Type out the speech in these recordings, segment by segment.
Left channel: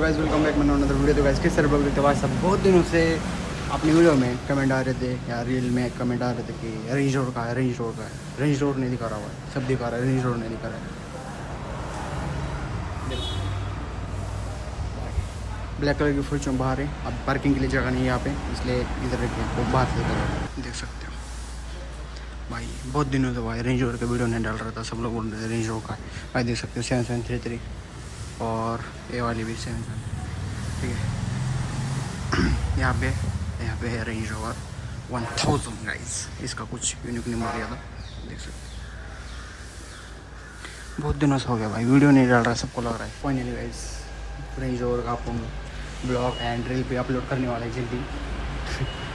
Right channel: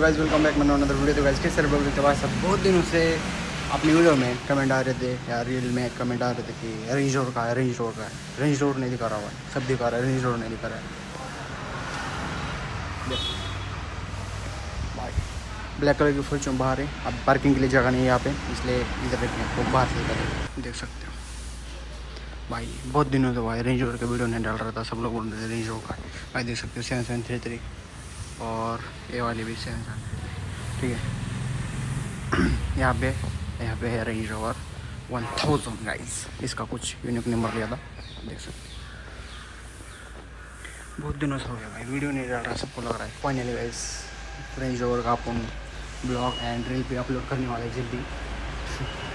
Guys welcome back मैंने another video. तो guys किस तरह बोलते भाई सब बहुत दिनों से अपनी वीडियो में कमेंट आ रहे थे या रील में कमेंट आ रहे थे कि रेंज रोड का है, रेंज रोड का है। रेंज रोड नहीं दिखा रहा हुआ है, सब दिखा रहा है, रेंज रोड नहीं दिखा रहा है। ब्लैक कलर की फॉर्च्यून बाहर है, अब पार्किंग के लिए जगह नहीं है यहाँ पे, इसलिए इधर रख वो बाहर से इधर देख सकते हो भाई। बहुत दिनों से भाई रेंज रोड का वीडियो नहीं डाल रहा था, सब लोग बोल रहे थे रेंज रोड का है भाई। देख सकते हो 7733 और ये वाली भी 7733 ठीक है। यहाँ पे है रेंज रोवर 1000 गाइस। इसका कुछ यूनिक नंबर लिया था, देख सकते हो। बहुत दिनों से हो गया भाई वीडियो नहीं डाल रहा, सबको लग रहा है फाइनली गाइस रेंज रोवर का अपन ब्लॉग एंड रील पे अपलोड करने वाला है जल्दी।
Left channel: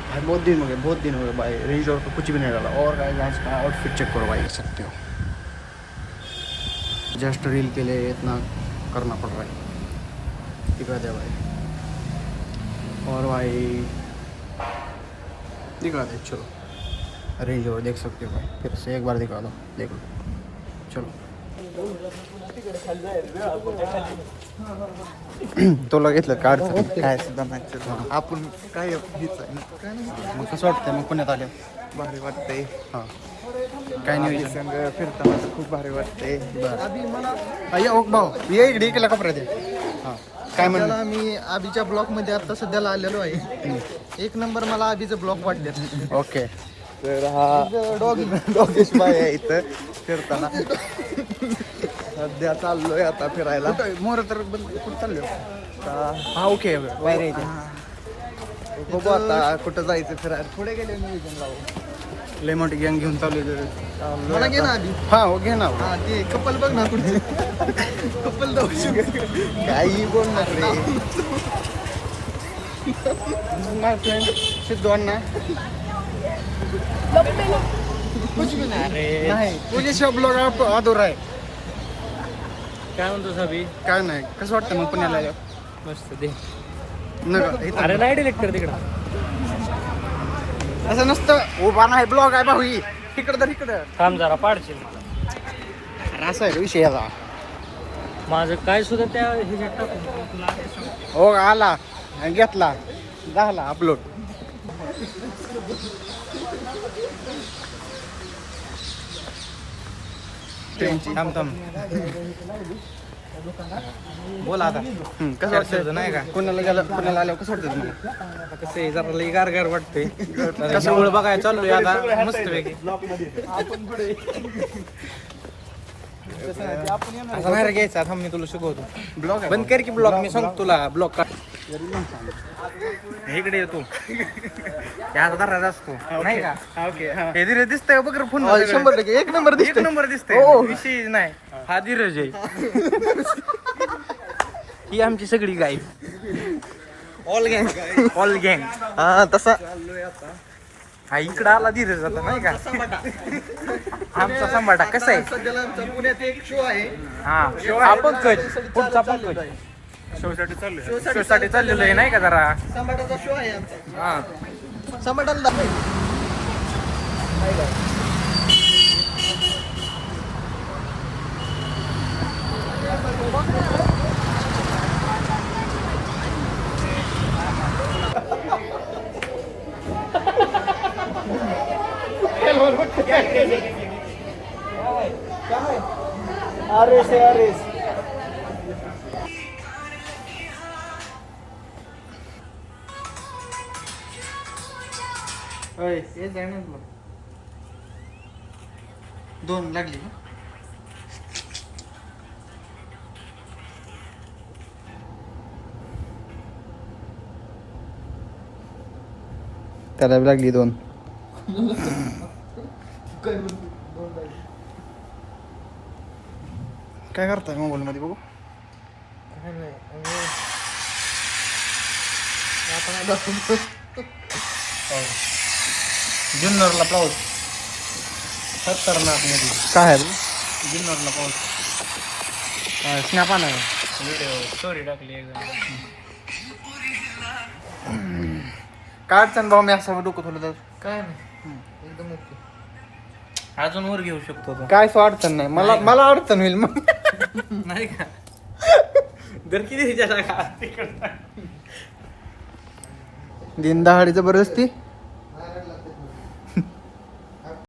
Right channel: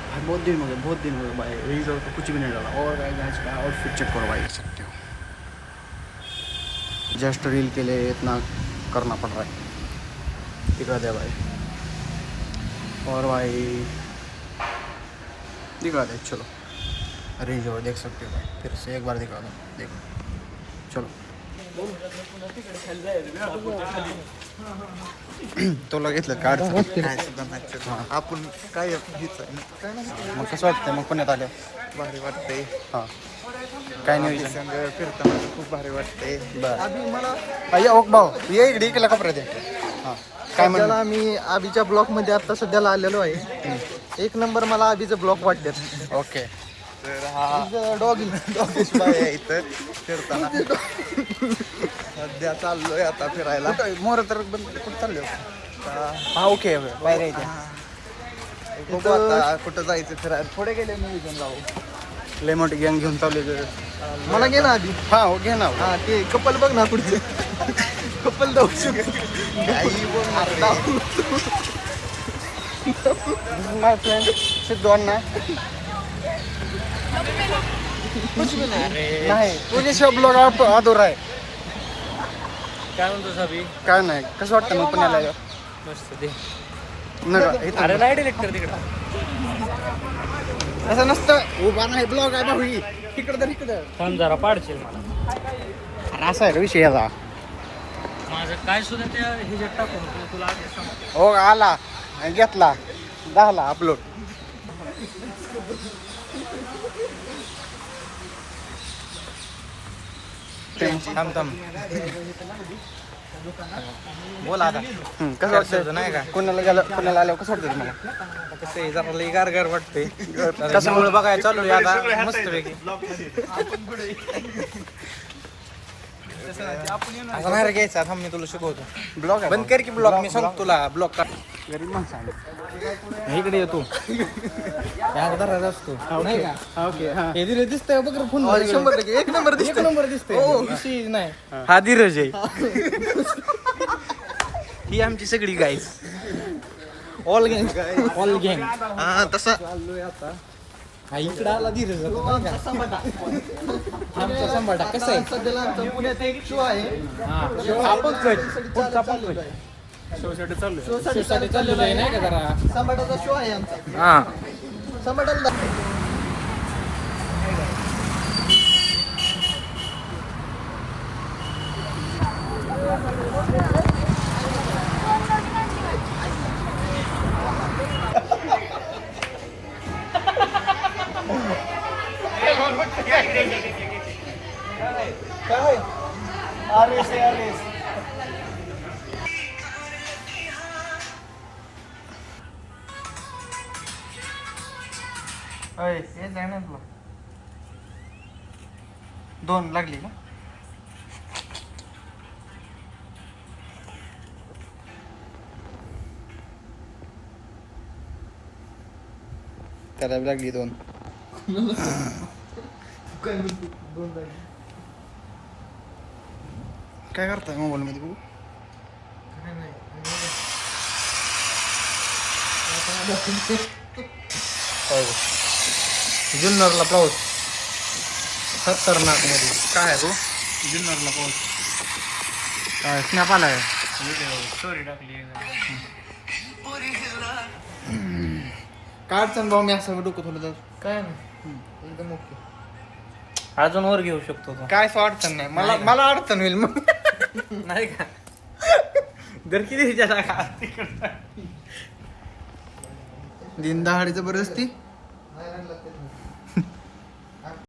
भाई बहुत दिन हो गए भाई रेंज रोवर का कुछ भी नहीं डाला। और गाइस का आउटफिट चेक करो भाई, देख सकते हो। जस्ट रील के लिए इतना करना पड़ रहा है, दिखा दे भाई। और भाई दिखा दे, चलो रेंज रोवर देख सकते हो भाई, फिर से एक बार दिखा दो, देखो चलो। तो घेतलं काढचं हां आपण काय मग कसं वाटतंय मग पुण्यात आल्या भारी वाटतंय. हां काय नाही विचार संघ फिरताना तर खूप भारी वाटतंय. बरं या ओक भाऊ ये इकडे केला कपडे ते हां काय म्हणलं. सध्याला मी आबीच्या ब्लॉक मध्ये आता सध्याला आलेलो आहे. एक नंबर मला आबीचं ब्लॉक वाटतात. ओके तर हा डॉगीश बाय आहे इथं फिरताना. सध्या चाललोय आता फिरायला. मोर तर बंद कुठं चालले हां ओके बाहेर यायचे बघू आता कुठं जायचं फिरायला. थोडे गेले मी लय मोठी गँग घेऊन चालले. मला घे ना आधी. हां हो घे ना. हा ते कपल बघ ना पुढचं कपल दर्शन काही बोल ना. माय फ्रेंड सिद्धू अण्णा कुछ भी नाही. नाही तुझ्याशिवाय ब्लॉग अधुरा आहे. काय म्हणतो साबी. काय नाही कसं वाटतं मग पुण्याला मस्त ते. नका अरे नाही डिरेक्टर तिकडं. असं नसतं उभा नाही ब्लॉग आहे भाऊ तिकडं तर इकडं थांब जरा पाडशील मला. अरे असं आहे रे विषय याचा. माझं काय सुद्धा त्या ह्याच्यात टाकून तुला आधी सांग. हो आला घेतला झाला अपलोड. थांब थांब बोल आता. कसं वाटतं नाही का पुण्याला आल्यावर कसं वाटतं तुम्हाला. आता कसं आहे जरा लई गार वाटते. कशामुळे बघायला चाललोय आता मस्त पैकी. असं नाही रे घ्यायचा. थांब मी तुला शिकवतो. ब्लॉग बंद कर की ब्लॉग. मी सांगतो तुला ब्लॉग का इकडे येतो या घरात असतो नाही का. ओके हां हे धीरज दिसतंय बघ रे पुन्हा सगळं. एक नंबर दिसतंय. विषय नाही हा धीरज आहे. ही आमची सगळी गाईस ऑल गँग हा तसा. हा इकडं आला धीरज आता नाही का. आमचा संभाटा कसा आहे. सध्याला आमचा पुण्यात एक शो आहे. हा शो आपण पुढचा पण शोसाठी चाललोय. शो साठी चाललेलो आहे नाही का जरा. संभाटाचा शो आहे आमचा. हां संभाटाला दोन लागली ना. त्याला लागली दोन. काय करताय मोबाईल मध्ये बघू. जुन्नरला पाऊस खतरनाक मध्ये. काय आहे बघू. जुन्नरला पाऊस. काय स्नॅप आलाय. स्टोरी टाकली. काय अडचण भाऊ मी असं डोकं थोडं तर काय नाही एकदम ओके. अजून वर घेऊ शकतो तो. काय सो अडचण नाही मला. मला अडचण होईल मग. नाही का दर किती विचार दिन दहाडी जबरदस्ती